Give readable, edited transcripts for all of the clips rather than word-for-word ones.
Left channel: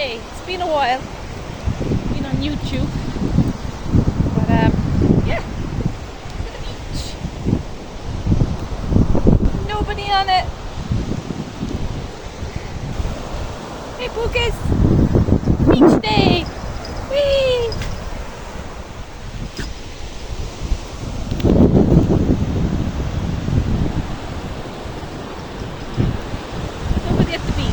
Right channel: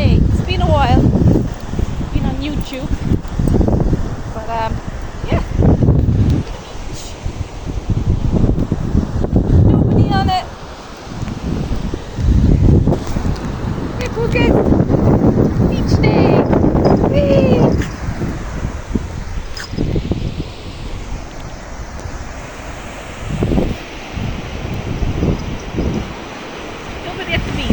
day. It's been a while. Been on YouTube. But yeah. Nobody on it. Hey Pukas! Beach day! Whee! Nobody at the beach.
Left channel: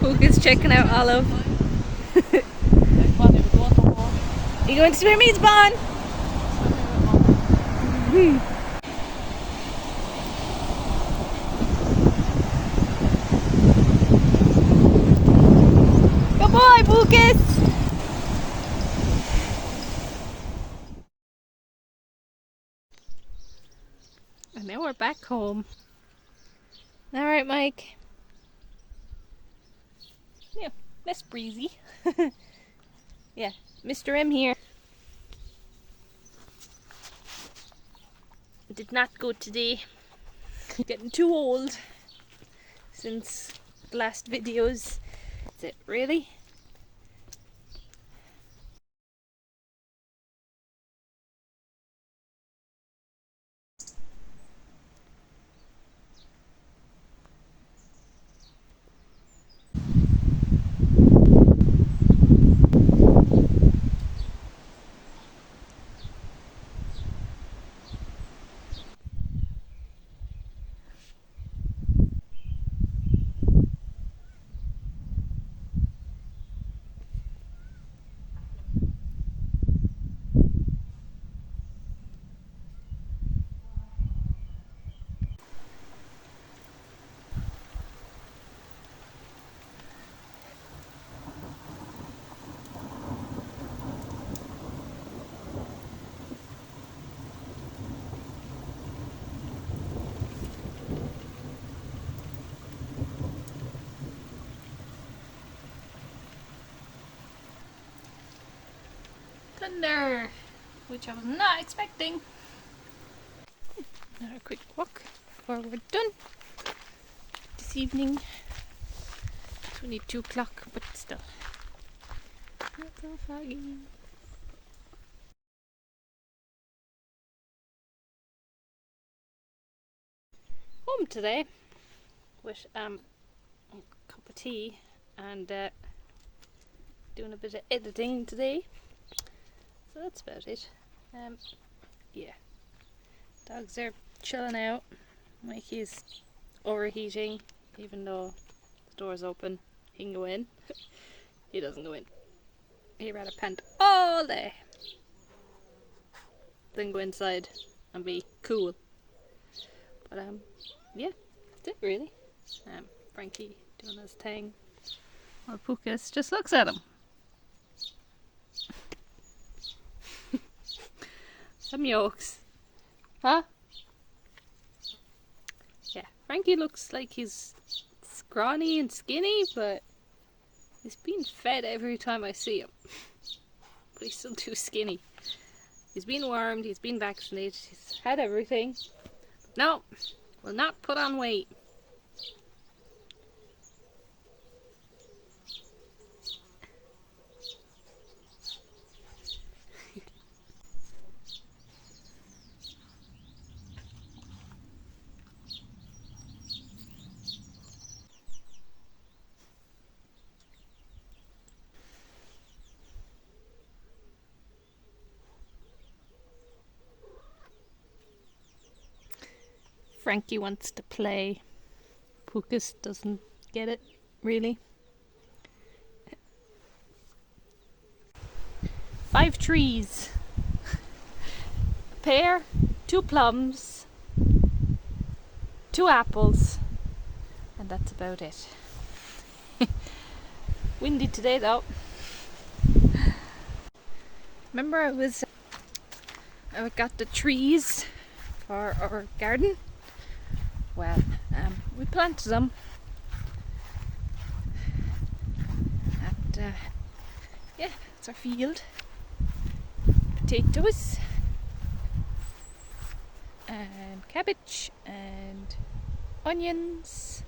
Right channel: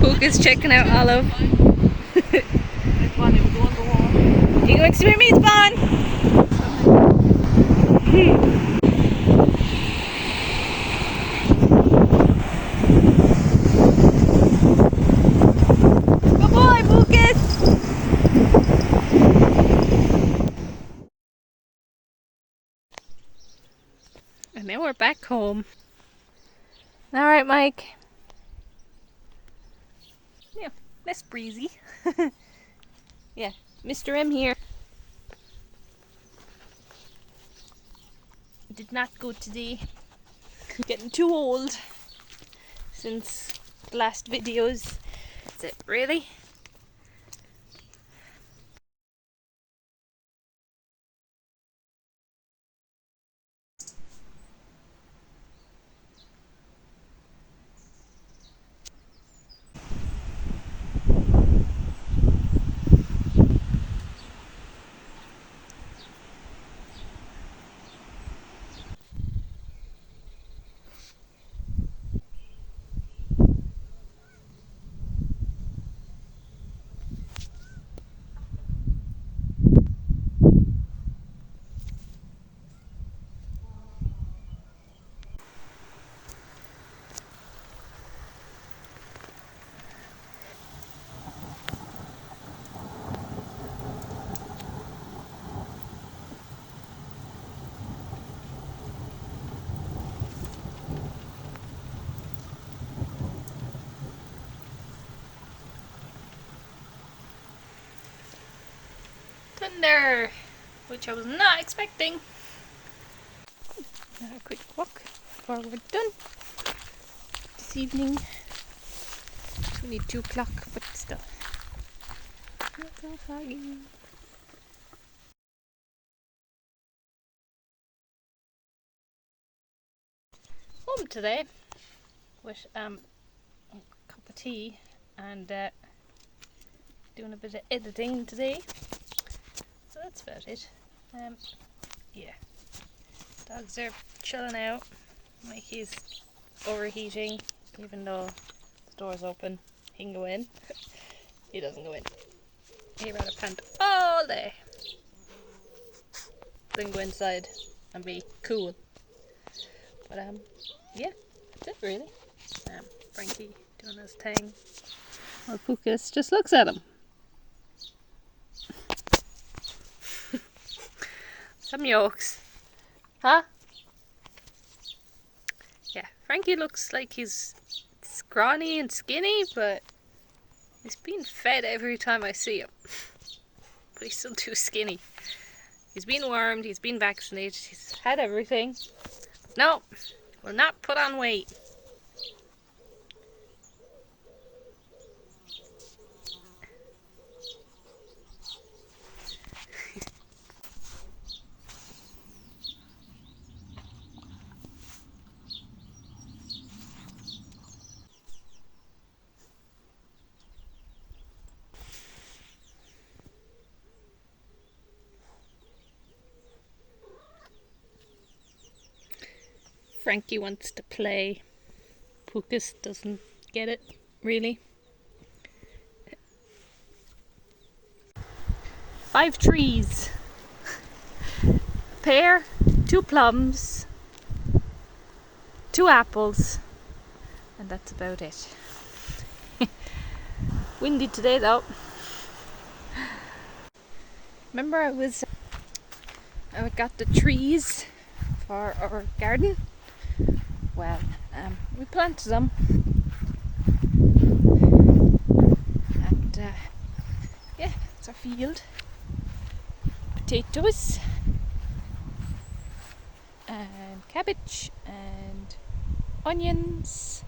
Pukas checking out Olive. You going to swim me, Spawn? Good boy, Pukas! And now we're back home. Alright, Mike. Yeah, less breezy. Yeah, Mr. M here. Did not go today. Getting too old since the last videos. That's it, really? Thunder, which I was not expecting. Now a quick walk before we're done this evening. It's only 2 o'clock, but still. Not so foggy. Home today with a cup of tea and doing a bit of editing today. So that's about it. Yeah. Dogs are chilling out. Mikey's overheating, even though the door's open. He can go in. He doesn't go in. He'd rather pant all day than go inside and be cool. But yeah, that's it really. Frankie doing his thing. Well, Pukas just looks at him. Some yolks. Huh? Yeah, Frankie looks like he's scrawny and skinny, but he's being fed every time I see him. But he's still too skinny. He's been wormed, he's been vaccinated, he's had everything. No, will not put on weight. Frankie wants to play. Pukas doesn't get it, really. 5 trees. A pear, 2 plums, 2 apples, and that's about it. Windy today though. Remember I got the trees for our garden? Well, we planted them, and yeah, it's our field. Potatoes, and cabbage and onions,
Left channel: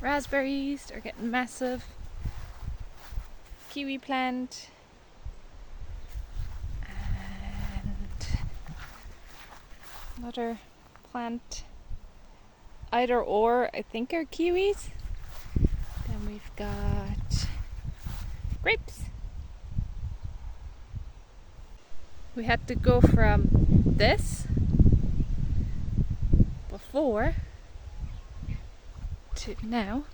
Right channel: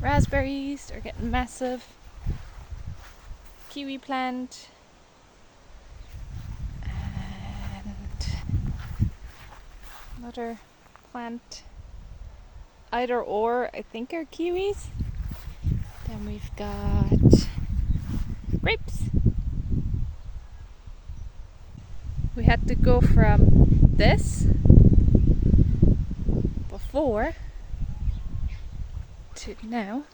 raspberries are getting massive, kiwi plant, and another plant, either or I think are kiwis. Then we've got grapes. We had to go from this before to now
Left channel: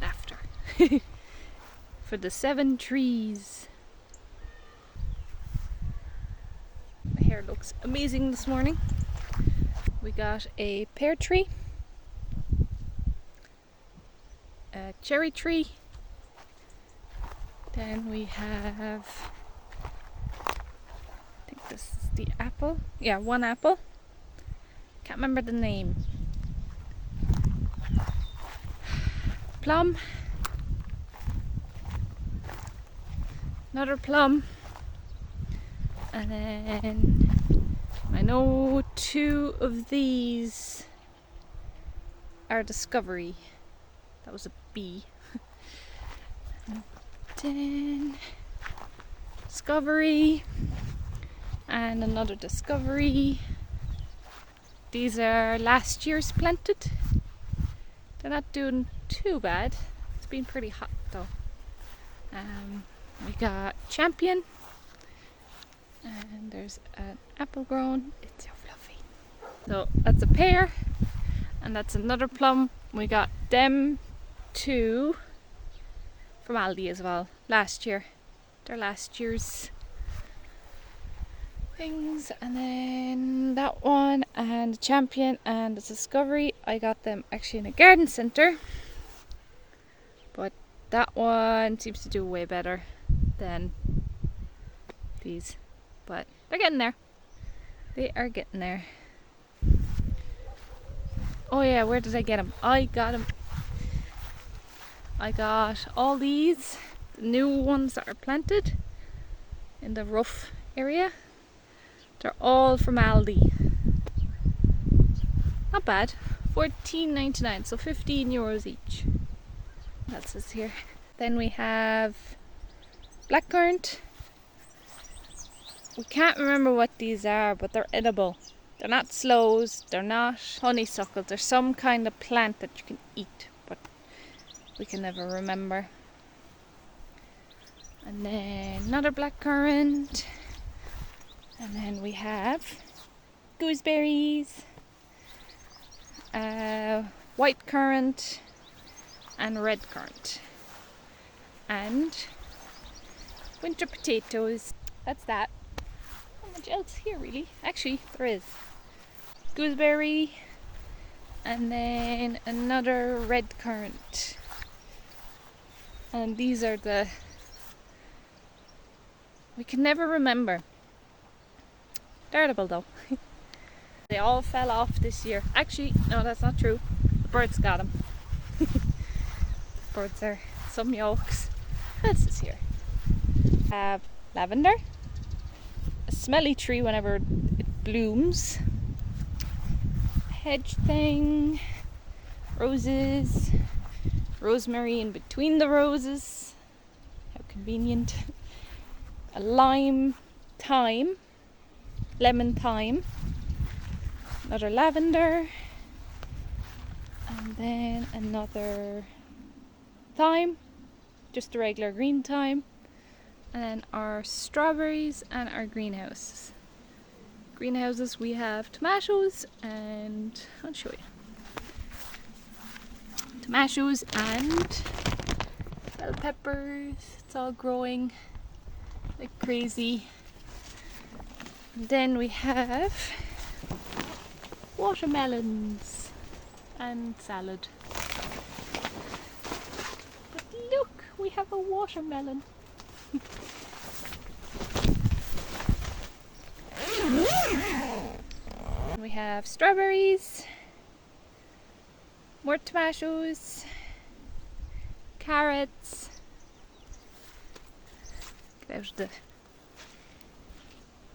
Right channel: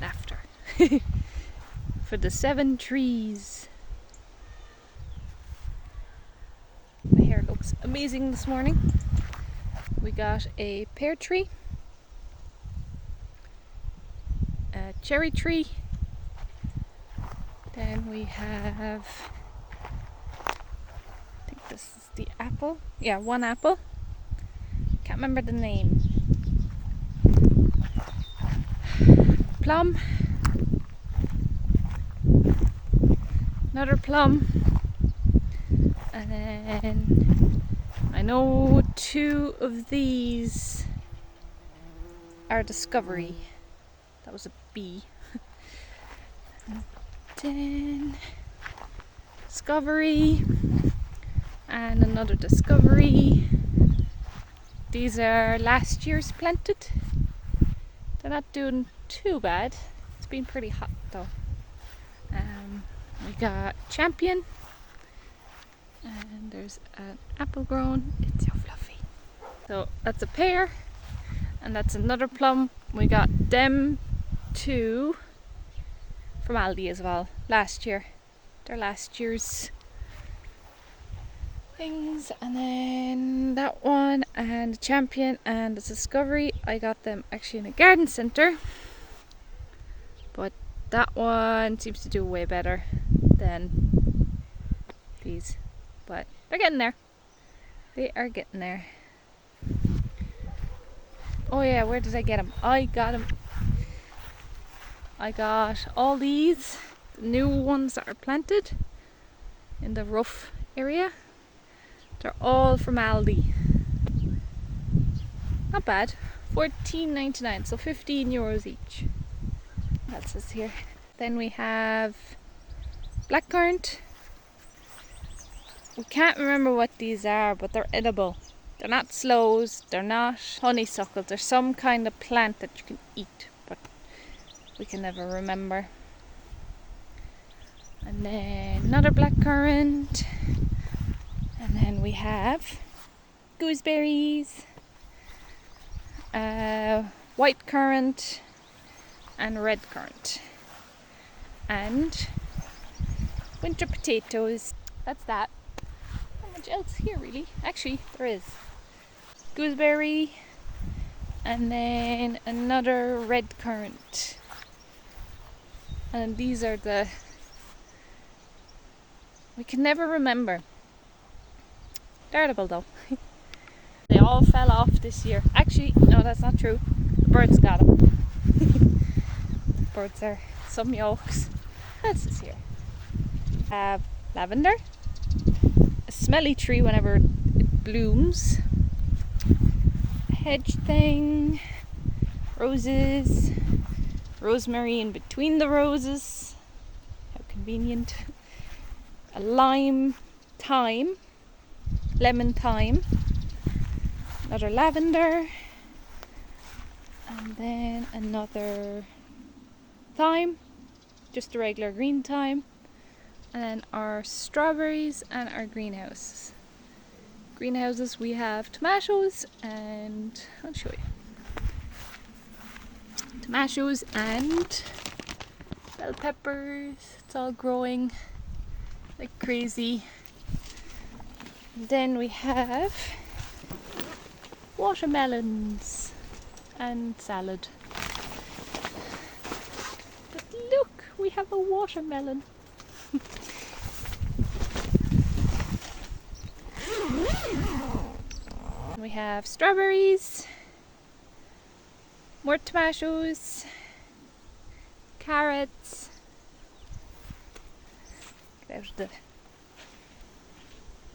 after for the 7 trees. My hair looks amazing this morning. We got a pear tree, a cherry tree, then we have, I think this is the apple, yeah, 1 apple, can't remember the name, plum, another plum, and then I know 2 of these are discovery. That was a bee. Then discovery and another discovery. These are last year's planted. They're not doing too bad. It's been pretty hot though. We got champion, and there's an apple grown. It's so fluffy. So that's a pear, and that's another plum. We got them 2 from Aldi as well last year. They're last year's things. And then that one and the champion and the discovery, I got them actually in a garden centre, but that one seems to do way better than these, but they're getting there. They are getting there. Oh yeah, where did I get them? I got all these, the new ones that are planted in the rough area. They're all from Aldi. Not bad. €14.99, so €15 each. That's this here. Then we have blackcurrant. We can't remember what these are, but they're edible. They're not sloes, they're not honeysuckles, they're some kind of plant that you can eat, but we can never remember. And then another blackcurrant. And then we have gooseberries, white currant and red currant, and winter potatoes. That's that. Not much else here really. Actually, there is gooseberry and then another red currant. And these are the, we can never remember. They're edible though. They all fell off this year. Actually, no, that's not true. The birds got them. Birds are some yolks. What's this here? Lavender. A smelly tree whenever it blooms. A hedge thing. Roses. Rosemary in between the roses. How convenient. A lime thyme. Lemon thyme. Another lavender. And then another thyme. Just a regular green thyme. And then our strawberries and our greenhouses. Greenhouses, we have tomatoes and I'll show you. Tomatoes and bell peppers. It's all growing like crazy. And then we have watermelons and salad. But look, we have a watermelon. We have strawberries, more tomatoes, carrots. Get out of the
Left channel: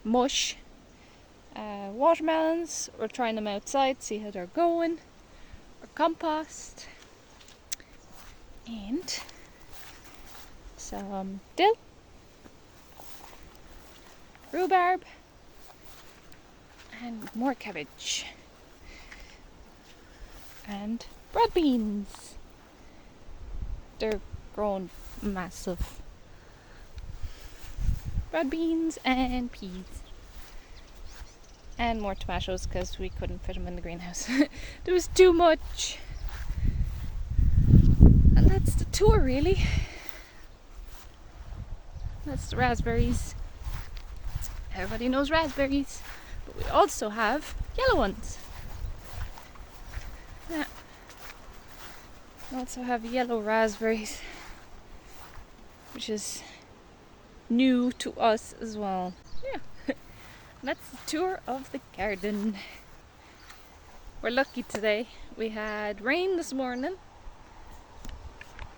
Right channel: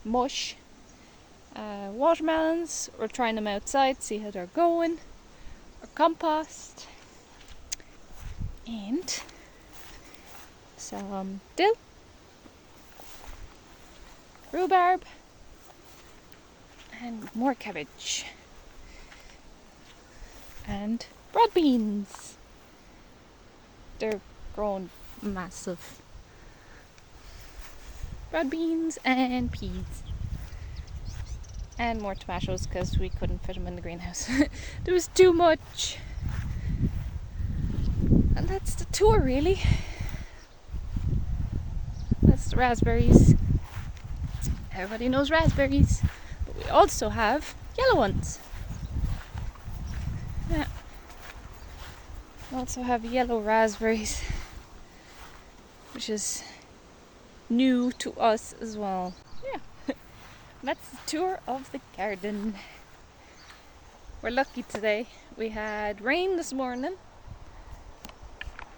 mush. Watermelons, we're trying them outside, see how they're going. Our compost. And some dill. Rhubarb. And more cabbage. And broad beans. They're grown massive. Broad beans and peas. And more tomatoes because we couldn't fit them in the greenhouse. There was too much. And that's the tour really. That's the raspberries. Everybody knows raspberries. But we also have yellow ones. Yeah. We also have yellow raspberries, which is new to us as well. Yeah. That's the tour of the garden. We're lucky today. We had rain this morning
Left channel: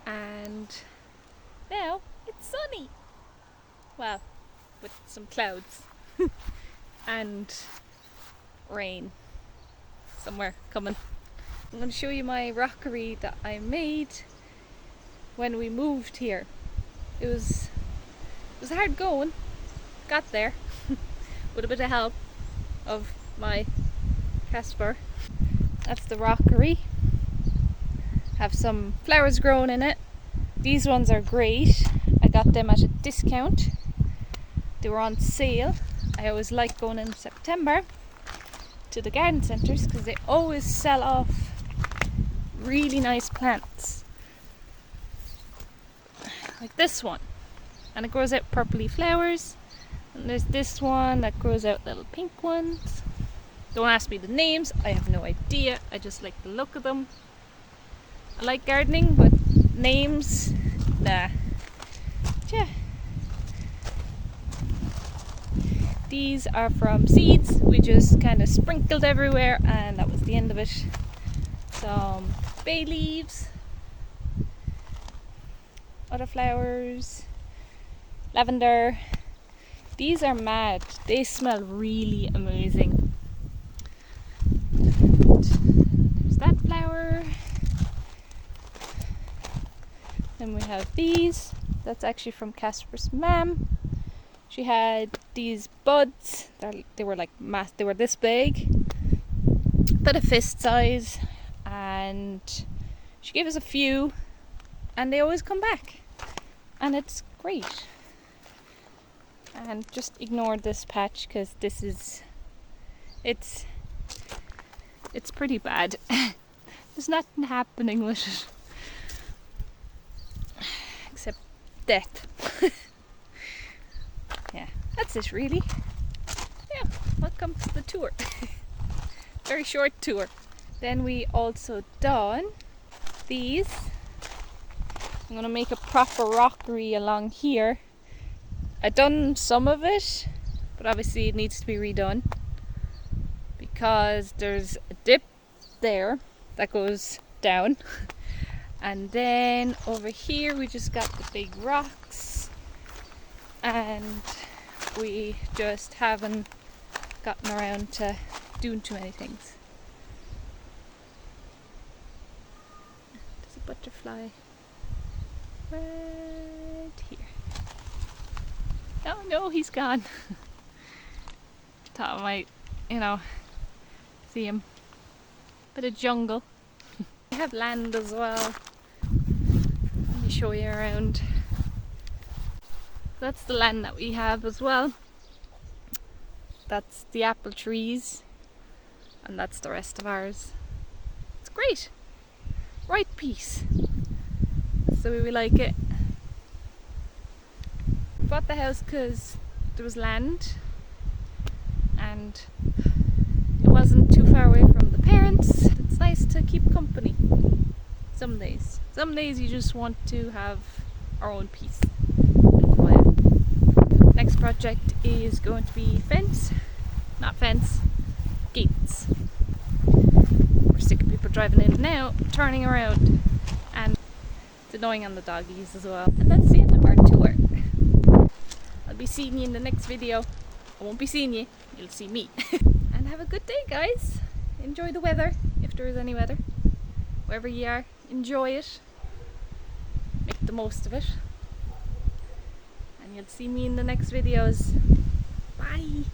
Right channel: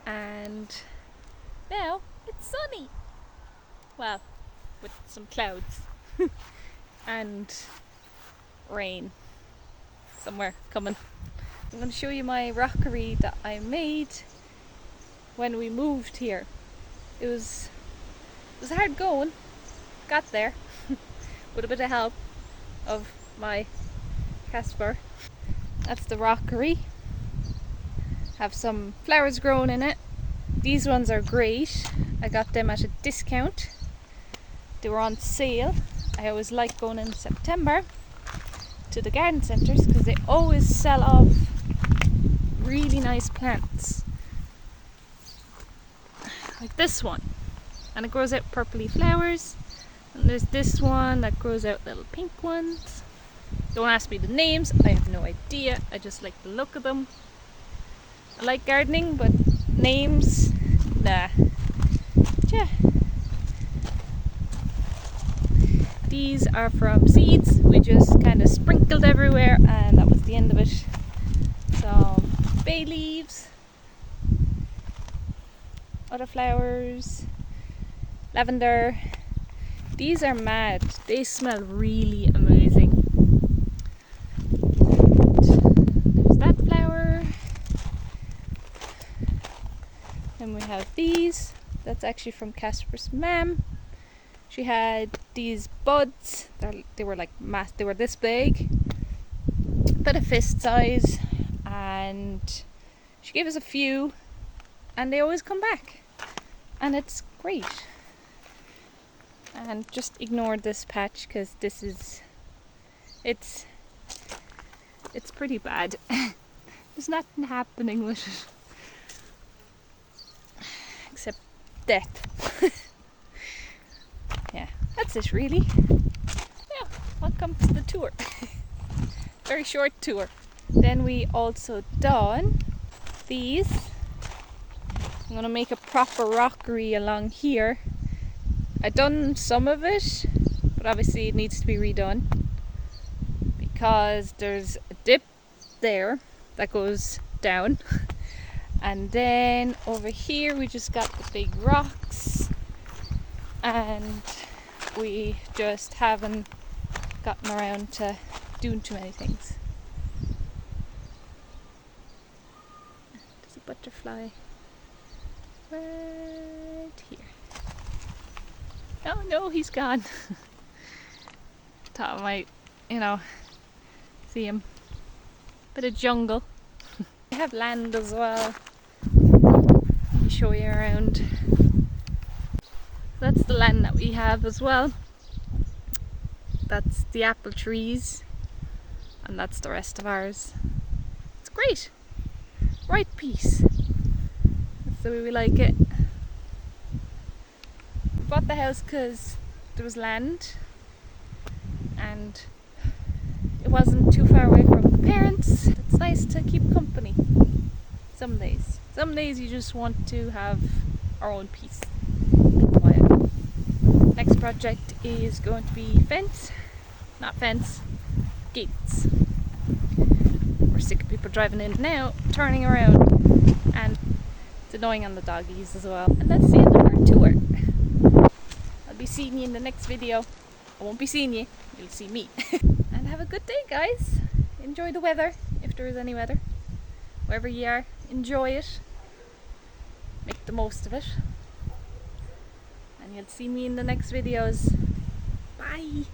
and now it's sunny. Well, with some clouds and rain somewhere coming. I'm going to show you my rockery that I made when we moved here. It was hard going. Got there with a bit of help of my Casper. That's the rockery. Have some flowers growing in it. These ones are great. I got them at a discount. They were on sale. I always like going in September to the garden centres because they always sell off really nice plants. Like this one. And it grows out purpley flowers. And there's this one that grows out little pink ones. Don't ask me the names, I have no idea. I just like the look of them. I like gardening, but names, nah. Yeah. These are from seeds. We just kind of sprinkled everywhere and that was the end of it. Some bay leaves. Other flowers. Lavender. These are mad. They smell really amazing. There's that flower. Then we have these. That's actually from Casper's mum. She had these buds. They were like they were this big, about a fist size, and she gave us a few, and they always come back, and it's great. And just ignore this patch because this is it's pretty bad. There's nothing happening with it except death. Yeah, that's it really. Yeah, welcome to the tour. Very short tour. Then we also done these. I'm gonna make a proper rockery along here. I've done some of it, but obviously it needs to be redone because there's a dip there that goes down, and then over here we just got the big rocks, and we just haven't gotten around to doing too many things. There's a butterfly right here. Oh no, he's gone. Thought I might, see him. Bit of jungle. We have land as well. Let me show you around. That's the land that we have as well. That's the apple trees. And that's the rest of ours. It's great. Right piece. That's the way we like it. Bought the house because there was land and it wasn't too far away from the parents. It's nice to keep company some days. Some days you just want to have our own peace. Be quiet. Next project is going to be gates. We're sick of people driving in and out, turning around, and it's annoying on the doggies as well. And that's the end of our tour. I'll be seeing you in the next video. I won't be seeing you, you'll see me. And have a good day, guys. Enjoy the weather, if there is any weather. Wherever you are, enjoy it. Make the most of it. And you'll see me in the next videos. Bye!